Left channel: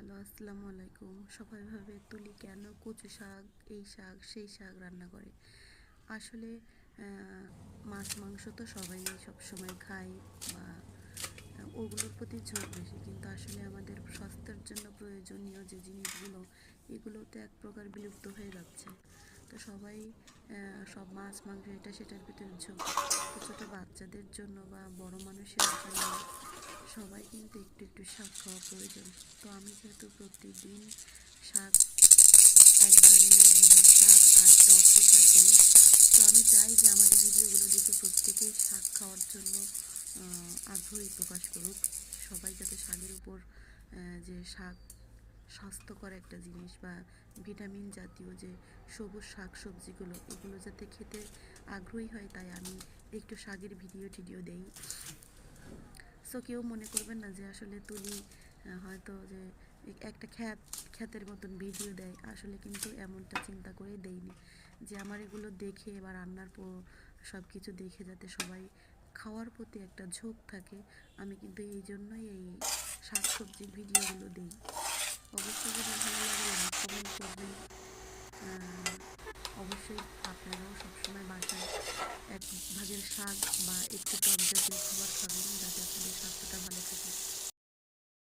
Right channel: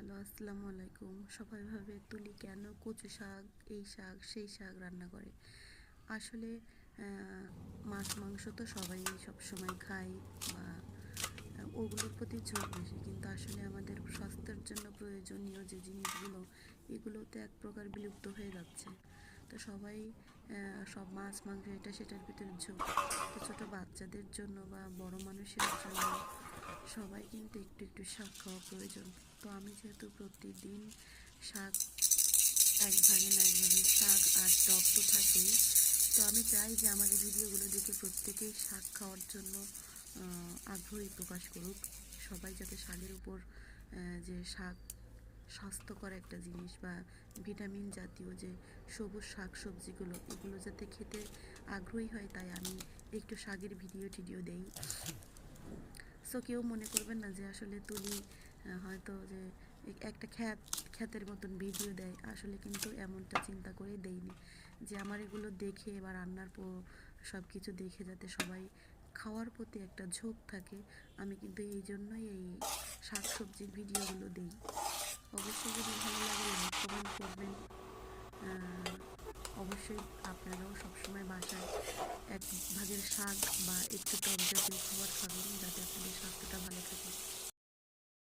Hello, আসসালামু আলাইকুম। সবাই ভাবে তুলি কেন কচু শাক, এই শাক সেই শাক রান্না করে। আসলে মাছ মাংস তো সবাই সবসময় খায় বা ওগুলোর প্রতি ঝোঁক বেশি, কিন্তু আসলে আমাদের স্বাস্থ্যের জন্য প্রয়োজনীয় যে জিনিসগুলো, এগুলোতে এক প্রকার বিলুপ্ত হয়ে যাচ্ছে। তো সবাই সব মাছ মাংস এটা সেটার ভিতরে ঝোঁক। তো ছোটো বাচ্চাদের জন্য বা বড় মানুষের জন্য সবাই কিন্তু একটু একটু শাক খাওয়া প্রয়োজন। তো আমি যেহেতু প্রতিদিন শাক এক ভাগে না এক ভাগে শাক আর টক তো থাকেই, তো আমি চাই যে আমার এই ভিডিওগুলো দেখে প্রত্যেকেই শাক খাওয়ার জন্য আগ্রহী প্রকাশ করুক। সবাই যাতে শাকের উপর যে শাক স্বাস্থ্যকর একটা জিনিস বা ভিটামিন জাতীয় যে সবুজ শাক সবজিগুলো, এগুলো যাতে খেতে আগ্রহী হয়, তাই আমি একটু শাকের ভিডিও টিডিও দেই। সো কেউ মনে করবেন না যে আসলে তুলি হয়তো যে একটা খ্যাতের মতন ভিডিও দেয়। আসলে কিন্তু এমনটা চিন্তা করে দেইনি যে আমার এগুলো দেখে বা রান্নার পর সব কিছু দেখে যাতে সবাই খাওয়ার প্রতি একটা ঝোঁক থাকে। আমি কিন্তু এই জন্যই এই শাক সবজির ভিডিওগুলো দিই। অবশ্যই যদি ভালো লাগে লাইক কমেন্ট করবেন। অবশ্যই আপনারাও সবসময় বাসায় এক ভাগের শাক বা একটু টক জাতীয় খাবার খাবেন, যাতে আপনাদের স্বাস্থ্যটা ভালো থাকে।